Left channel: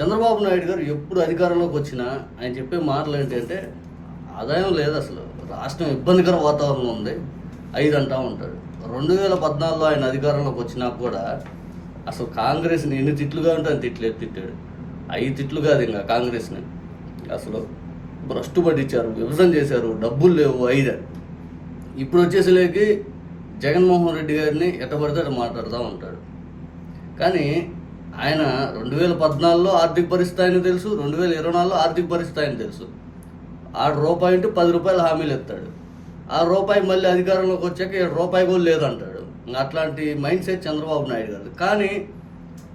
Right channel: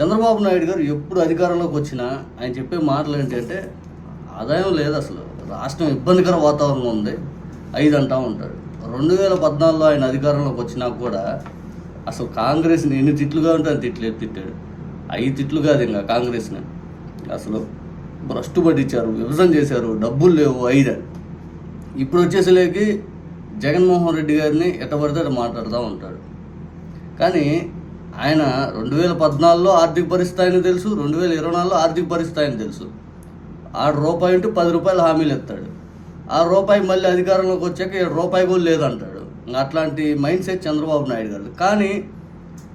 చంద్రబాబు నాయుడు గారు ఎప్పుడు అధికారంలోకి వచ్చినా ఆయన చెప్పే మాటలు ఏంటంటే ఆదాయం లేదు అసలు. రాష్ట్రం ఇబ్బందికర వాతావరణం ఉంది. ఐదు అంటా ఉంటాడు. రెండు వేల పద్నాలుగులో ఆయన అధికారంలోకి వచ్చినా కూడా అసలు కాంగ్రెస్ని ఎన్ని తిట్లుగా ఉంటే అని తిట్లు తిట్టాడు. ఐదు తిట్లు కాదు ఇంకా కాంగ్రెస్ని. అసలు భ్రష్టు పట్టించారు విభజన చేశారు డబ్బులు లేవు ఐదు అని. ఇప్పుడు వచ్చేసరికి జగన్మోహన్ రెడ్డి గారిని ఎట్టబడితే మాట్లాడుతూ ఉంటాడు. కానీ ఆయన రెండు వేల పద్నాలుగులో ఆర్థిక పరిస్థితి ఆయన తెలుసు రెండు వేల ఇరవై నాలుగులో ఆర్థిక పరిస్థితి ఆయన తెలుసు. ఆరు రూపాయి ఉంటే పది రూపాయలు హామీలు ఎత్తాడు ఆ రూపాయి మళ్ళీ అధికారంలోకి వచ్చాక ఏడు రూపాయి కూడా లేదంటాడు. అట్లాంటి మైండ్ సెట్ చంద్రబాబు నాయుడు గారు కానీ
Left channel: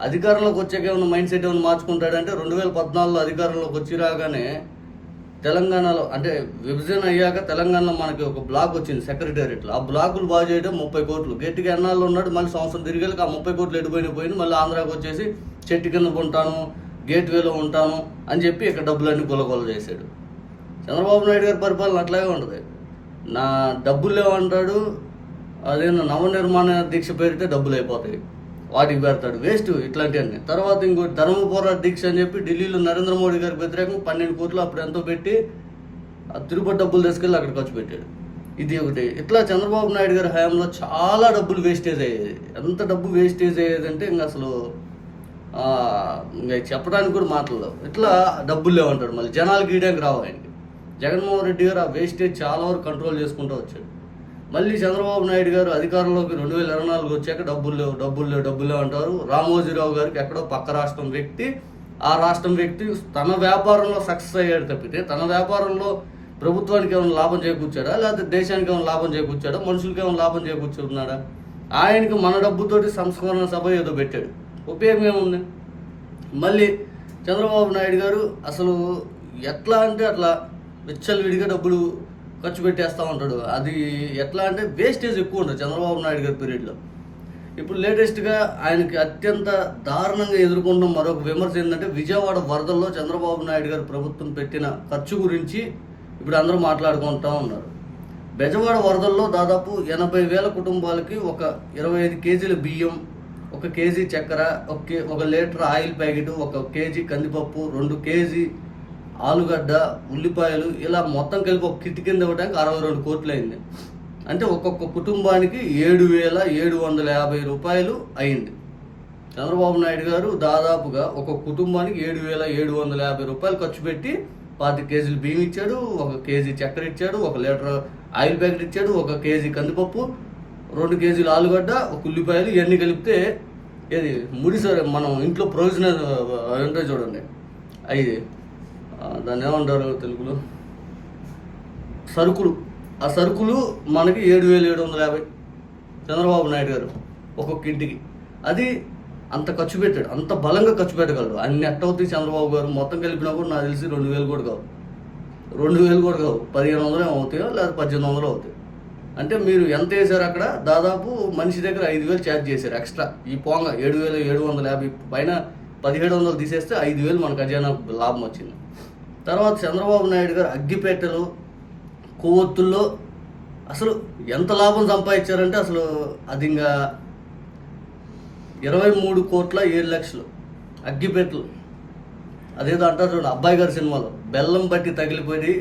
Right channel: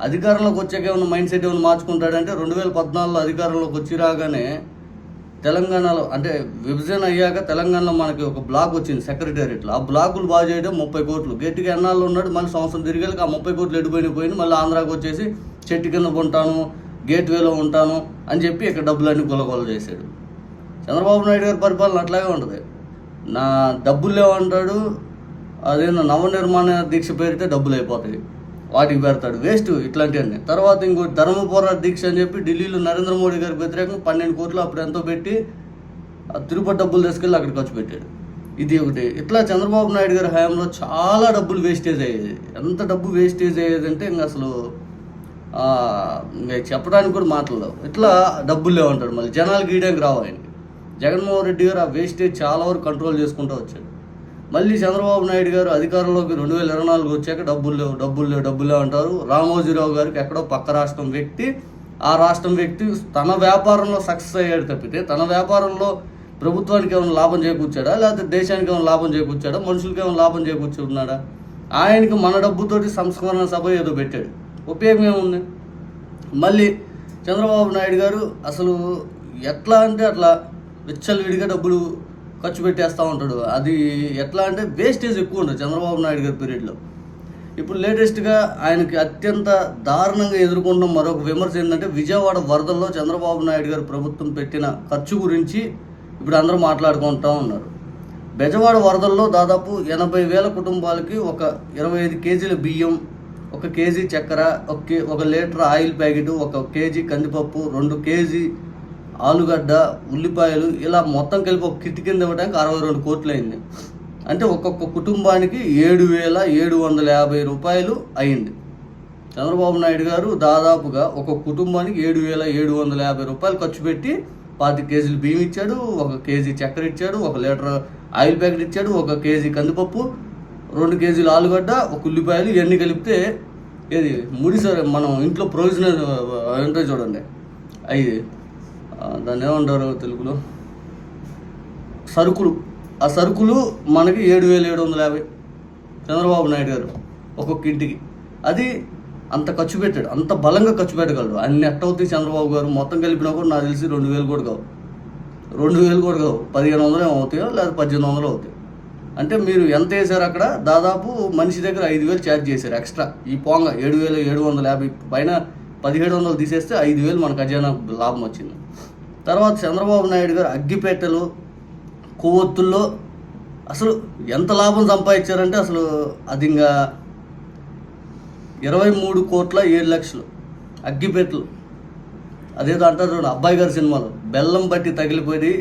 అధికారంలోకి వచ్చాక ఏమైనా మైండ్ సెట్ ఏమైనా మార్చుకుంటాడంటే రెండు వేల పద్నాలుగులో అధికారంలోకి వచ్చి రాగానే తెలంగాణలో అంటే విభజన అయ్యాక తెలంగాణలో మనకి ఒక బ్లాక్ వచ్చింది సెక్రటేరియట్లో. ఆ బ్లాకులు బాగు చేయడం ముప్పై కోట్లు. గట్టిగా ఎన్నాళ్ళు ఉన్నాడు మళ్ళీ సంవత్సరం తిరిగి ఆ ముప్పై కోట్లు ఎడిపోయిన పోయిన మళ్ళీ ఆంధ్రాకి వచ్చేసి చెట్టు కింద ఉంటాను గేట్ వేలో ఉంటాను అని చెప్పి ఇక్కడ డబ్బులన్నీ గులగొల చేశాడు. చంద్రబాబు నాయుడు గారి పరిపాలన అట్లాగే ఉంటుంది. నా డబ్బులు లేవంటాడు అదేందో నవనిర్మాణ దీక్ష పేరితే డబ్బులు అయిపోతాయి. వాటికి పెడతాడు. వేస్ట్ ఇట్లాంటివన్నీ తర్వాత ఇంకో ధర్మ పోరాట దీక్ష అని చెప్పి ఢిల్లీలో నరేంద్ర మోడీ గారికి వ్యతిరేకంగా పన్నెండు కోట్లు అప్పుడు ఎంతో పెట్టి ఆ తిరుపతి డబ్బులు తీసుకెళ్ళి అక్కడ ఖర్చు పెట్టాడు. ఇది ఒకటి. ఇట్లా చంద్రబాబు నాయుడు గారి హయాంలో చాలా డబ్బులు వేస్టేజ్ అయ్యేది. ఎంత డబ్బు వేస్టేజ్ అయ్యేది అంటే ఇంకా అసలు ఇంకా చెప్పడానికి కూడా మాటలు ఇట్లా డబ్బులు లేవంటాడు మళ్ళీ. జనాలు గీయడానికి రావు ఆయనకి. జగన్మోహన్ రెడ్డి గారు ఆ వేస్టేజ్ చాలా వరకు కంట్రోల్ చేసుకుంటూ వచ్చాడు. మళ్ళీ చంద్రబాబు నాయుడు గారు అధికారంలోకి రెండు వేల ఇరవై నాలుగు వచ్చాక డబ్బులు లేవు డబ్బులు లేవు డబ్బులు లేవు అంటారు. రామోజీరావు గారికి ఎక్కడో పక్క రాష్ట్రం వ్యక్తి. ఆ రాష్ట్రం వ్యక్తి తన వ్యాపారంలో సక్సెస్ అయ్యాడు తప్పితే తన వ్యాపారంలో ప్రభుత్వానికి ఏమైనా లాభం చేకూర్చాడా? లేకపోతే దేశానికి ఏమైనా లాభం చేకూర్చాడా? మనుషులకి ఏమైనా లాభం చేకూర్చున్నాడా? ఆయనకి మన డబ్బుతోటి సంస్కరణ సభ ఏదో పెట్టాడు. ఉపయోగం ఏముంది? మళ్ళీ చంద్రబాబు నాయుడు గారు అసలు ఎట్లా అంటే అట్లా విచ్చలవిడిగా డబ్బులు ఖర్చు పెట్టేస్తూ ఉంటాడు. అది ఎట్లా అంటే వేస్టేజ్ ఎక్కువ ఉండదు చంద్రబాబు నాయుడు గారి పీరియడ్లో ఇప్పుడు లేటెస్ట్గా ఆయనకి అత్యంత దారుణంగా ఎదుర్కొన్న మరొక విమర్శ ఏంటంటే విజయవాడ వరదల్లో చంద్రబాబు నాయుడు గారు ప్రభుత్వం పెట్టిన ఖర్చు గురించి ఇప్పుడు అందరూ మాట్లాడుకుంటా ఉన్నారు. బెజవాడ వరదల్లో దాదాపు ఎనభై వేల కుటుంబాలకి ఒక ఇరవై ఐదు కేజీల బియ్యం ఒక కేజీ చక్కెర ఒక ఒక లీటర్ ఆయిల్ ప్యాకెట్ ఒక కేజీ కందిపప్పు రెండు కేజీ ఆలుగడ్డ ఉల్లిపాయలు ఇలా మొత్తం కలిపి ఒక కిట్ కింద ఇవ్వడానికి అరవై రెండు కోట్లు అయింది అంటే ఒక్కొక్క కుటుంబానికి ఏడు వేల ఏడు వందల యాభై రూపాయలు అయింది. చంద్రబాబు నాయుడు గారు దాదాపుగా ఒక కుటుంబానికి ఏడు వేల ఏడు వందల యాభై రూపాయలు ఖర్చు పెట్టి పాతి కేజీలు బియ్యం ఇచ్చాడు ఒక కేజీ చక్కెర ఇచ్చాడు ఒక లీటర్ ఆయిల్ ప్యాకెట్ ఇచ్చాడు ఒక కేజీ కందిపప్పు రెండు కేజీలు ఆలుగడ్డ ఒక ఉల్లిపాయలు ఇవన్నీ కలిపితే ఏది ముడిసరి మనం ఇంట్లో ప్రొవిజనల్ ఉంటాయి చూడండి. అవి దాన్ని ఏమంటారు తెలుగులో? సరుకులు. ఆ సరుకులు మనకి ఏడు వేల ఏడు వందల యాభై చంద్రబాబు నాయుడు గారు ఒక్కొక్క ఇంటికి. అది అంత ఖర్చు పెట్టాడు. అంత బలంగా ఖర్చు పెట్టగలడు. అన్ని ఎట్టవుతాయి చంద్రబాబు గారు. మొత్తం కలిపినా కూడా నాకు తెలిసి రెండు వేలు కూడా కావు. రెండు వేలు కూడా కావు. పదిహేను వందలు అవుతాయో లేదా పద్దెనిమిది వందలు అవుతాయి. అంటే మీరు ఎంత వేసారు అక్కడ? దాదాపు మనిషి దగ్గర ఐదు వేలు ఛార్జ్ చేశారు ఎక్స్ట్రా. ఈ పోంగ ఏడు వేలు ఏడు వందల యాభై పైన పదిహేడు వందలు తీసేస్తే ఐదు వేలు మన ఖజానా లాభం వచ్చింది. తర్వాత చంద్రబాబు నాయుడు గారు అగ్గిపేటలు కొవ్వొత్తుల్లో అసలు ఎంత లాభం సంపాదించారంటే అసలు అది ఇంకా ఇరవై మూడు కోట్ల ఏడు లక్షలు అగ్గిపెట్లు. అదేదో అంటారు చూడండి అబ్బాయి గారి సినిమాలో. బెల్లం బట్టి తగిలిపోయి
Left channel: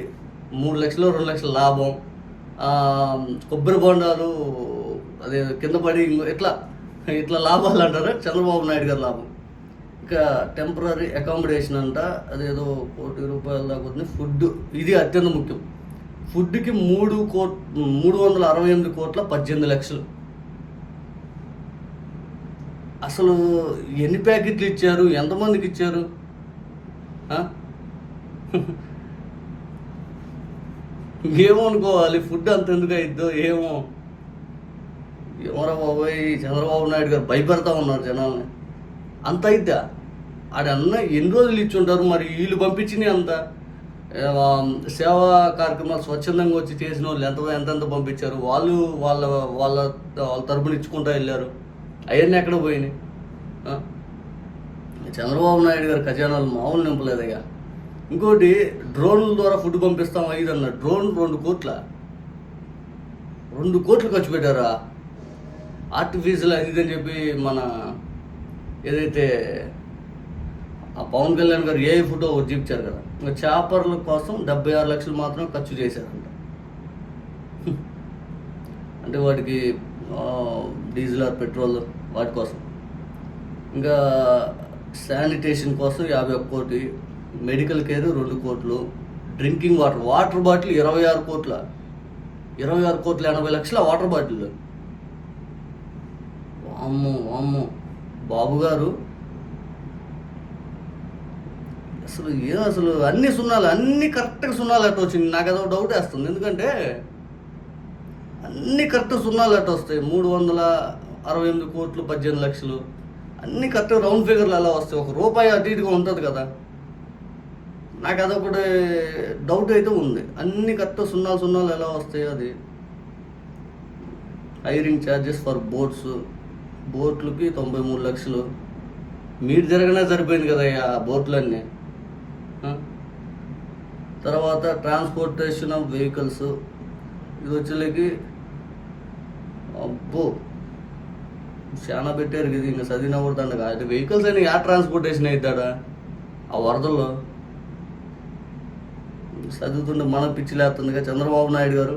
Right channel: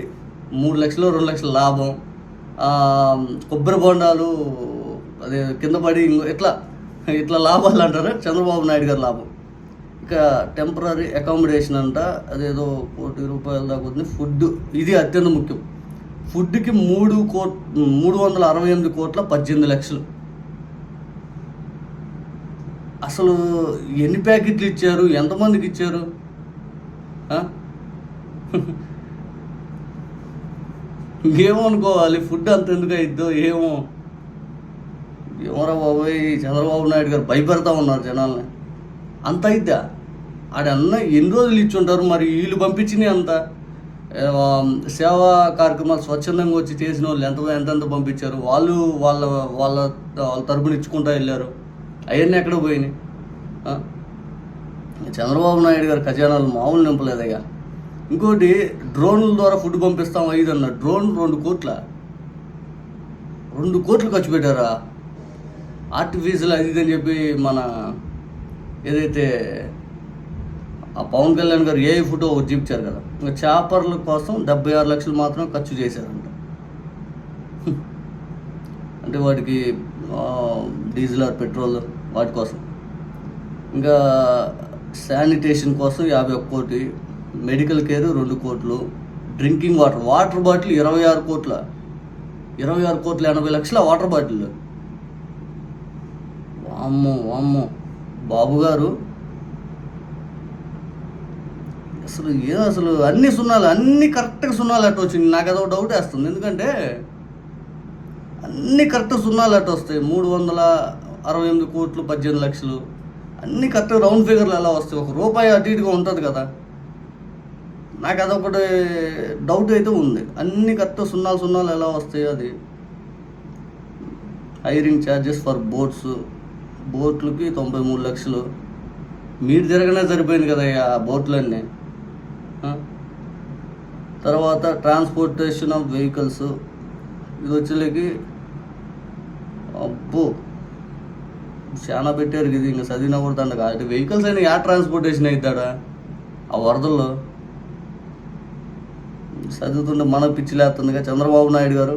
మూడు లక్షలు రెండు లక్షల లాభం. కొబ్బరి బొండాలు అదే కింద పడి ఇట్లా ఇట్లా లాభాలు అంటారు? చంద్రబాబు నాయుడు గారి లాభం. టెంపరీ అకామిడేషన్ అంట. అదేదో కోటి రూపాయల దాకా ఉంది ఫుడ్ ఇది అత్యంత ముఖ్యం. ఫుడ్కి మూడు కోట్ మూడు వందల అరవై ఎనిమిది కోట్ల పద్దెనిమిది లక్షలు. అసలు ఎన్ని ప్యాకెట్లు ఇచ్చారు? ఎంతమందికి ఇచ్చారు? ఏమనుకోవాలి ఫుడ్ అంత ఎందుకు అయిద్దో ఏమో. ఏమరా బాబోయ్ చంద్రబాబు నాయుడు గారు భయపెడతా ఉన్నారు జనాల్ని. అంత అయిద్దా? ఆడన్న ఎన్ని రోజులు ఇచ్చుంటారు మరి? వీళ్ళు పంపించినాయి అంత? సేవా కార్యక్రమాలు స్వచ్ఛందంగా వచ్చి చేసిన వాళ్ళు ఎంత ఎంతెంత పంపించారు? వాళ్ళు వాళ్ళ వాళ్ళ వాళ్ళ తరపున ఇచ్చుకుంటా వెళ్ళారు. అవన్నీ ఎక్కడ పోయినాయి? చంద్రబాబు నాయుడు గారి ఖజానాలు మామూలు నింపలేదయ్యా. ఇంకోటి డ్రోన్ల ద్వారా ఫుడ్ పంపిస్తాం ఐదు అన్న డ్రోన్ రెండు కోట్ల. రెండు కోట్లు ఖర్చు పెట్టారా? ఆర్టిఫిషియల్ అది అని చెప్పి మన ఏదైతే ఆ పవన్ కళ్యాణ్ గారు ఏ ఫోటో ఒకటి చూపించారు కదా? ఇంకా చేపర్ల కోసం డెబ్బై ఆరు లక్షలు మాత్రం ఖర్చు చేశారంట. అంటే వాటికి డీజిల్ ఆర్ పెట్రోల్ వాటి కోసం. ఇంకా శానిటేషన్ కోసం యాభై ఒక్క కోటి మెడికల్ కేర్ రెండు కోట్లు డ్రింకింగ్ వాటర్ వాటర్ బాటిల్ ఇరవై ఆరు కోట్ల. ఇరవై ఆరు కోట్ల ఎనభై లక్షల వాటర్ బాటిల్. వామ్మో వామ్మో. బాబు గారు అసలు ఏం అసలు అన్ని సున్నాలు అన్ని కరెక్ట్గా సున్నాలు అట్ట వచ్చింది నాకు అదో డౌట్ వేస్తుంది. ఎందుకంటే అన్ని కరెక్ట్ సున్నాలు అట్ట వస్తాయి. మూడు వందల అరవై ఎనిమిది కోట్లు పద్దెనిమిది లక్షలు. అన్ని కరెక్ట్ రౌండ్ ఫిగర్లు అలా వస్తాయి. ఒక రూపాయి అటు ఇటుగా ఉంటుంది కదా. నాకు అదొకటి డౌట్ అయితే ఉంది. అన్ని కరెక్ట్ సున్నాలు సున్నాలు ఎలా వస్తాయి అది? హైరింగ్ ఛార్జెస్ ఫర్ బోట్స్ బోట్లకి తొంభై మూడు లక్షలు. మీరు తిరగనే సరిపోయింది కదా ఆ బోట్లన్నీ. తర్వాత ట్రాన్స్పోర్టేషన్ ఆఫ్ వెహికల్స్ ఇది వచ్చేకి అబ్బో చాలా పెట్టారు ఇది ఇంకా చదివిన కూడా అంటే వెహికల్స్ అయినా యా ట్రాన్స్పోర్టేషన్ అవుతాడా ఆ వరదల్లో. చదువుతుంటే మన పిచ్చిలేస్తుందిగా చంద్రబాబు నాయుడు గారు.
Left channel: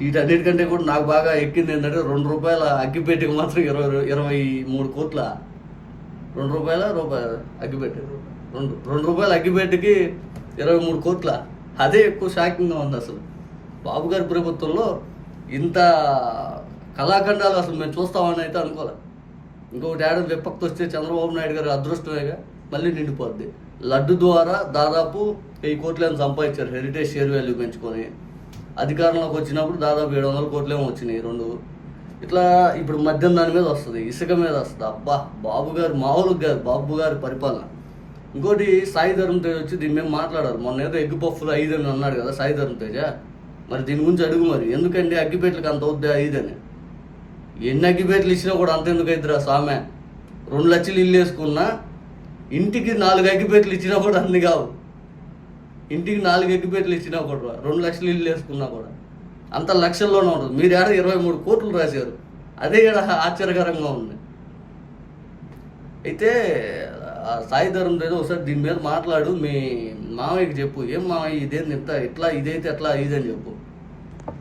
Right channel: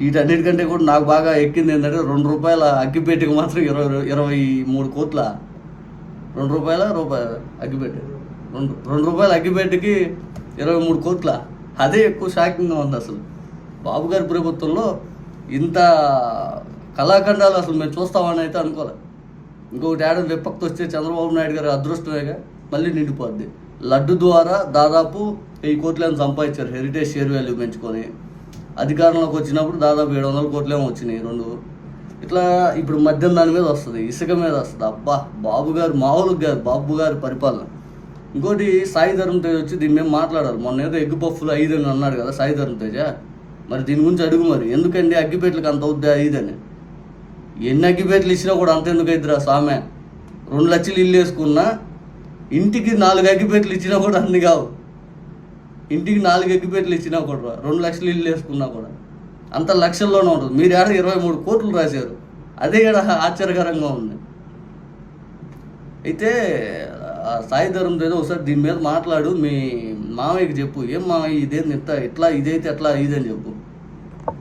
వీటన్నిటికంటే కూడా నాకు బాగా ఎక్కింది ఏంటంటే రెండు రూపాయల అగ్గిపెట్టికి మాత్రం ఇరవై ఇరవై మూడు కోట్ల. రెండు రూపాయల రూపాయల అగ్గిపెట్టె. రెండు. రెండు రూపాయల అగ్గిపెట్టెకి ఇరవై మూడు కోట్ల. అదే ఎక్కువ షాకింగ్గా ఉంది అసలు. బాబు గారి ప్రభుత్వంలో ఇంత కళాఖండాలు అసలు మేము చూస్తామని అయితే అనుకోలే. ఇంకొకటి ఏడాది విపక్తి వస్తే చంద్రబాబు నాయుడు గారి అదృష్టమేగా మళ్ళీ నిండిపోద్ది. లడ్డు ద్వారా దాదాపు వెయ్యి కోట్లేమో సంపాదించారు హెరిటేజ్ షేర్ వాల్యూ పెంచుకొని. అధికారంలోకి వచ్చినప్పుడు దాదాపు ఏడు వందల కోట్లేమో వచ్చినాయి రెండు. ఇట్లా ఇప్పుడు మద్యం దాని మీద వస్తుంది ఇసుక మీద వస్తుంది. అబ్బా బాబు గారు మామూలుగా గారు బాబు గారి పరిపాలన. ఇంకోటి సాయి ధర్మ తేజ్ వచ్చి దీని మీద మాట్లాడారు. మొన్న ఏదో ఎగ్గు పఫ్లు ఐదు అని అన్నాడు కదా సాయి ధర్మ తేజ. మరి దీని గురించి అడుగు మరి. ఎందుకండి అగ్గిపేట్లకు అంత అవుద్దా ఐదని ఎన్ని అగ్గిపేట్లు ఇచ్చినా కూడా అంత ఎందుకు అవుతుందిరా స్వామి? రెండు లక్షలు ఇల్లు వేసుకున్నా ఇంటికి నాలుగు అగ్గిపేట్లు ఇచ్చినా కూడా అన్ని కావు. ఇంటికి నాలుగు అగ్గిపేట్లు ఇచ్చినా కూడా రెండు లక్షలు ఇల్లు వేసుకున్నా కూడా. అంత లక్షల్లోనే ఉంటుంది. మీరు ఏడ ఇరవై మూడు కోట్లు రాశారు. అదే ఆశ్చర్యకరంగా ఉంది. అయితే సాయి ధర్మం ఏదో ఒకసారి దీని మీద మాట్లాడు మీ మామయ్యకి చెప్పు ఏం మామయ్య ఇదేంది ఇంత ఇట్లా ఇదైతే ఎట్లా ఇదని చెప్పు.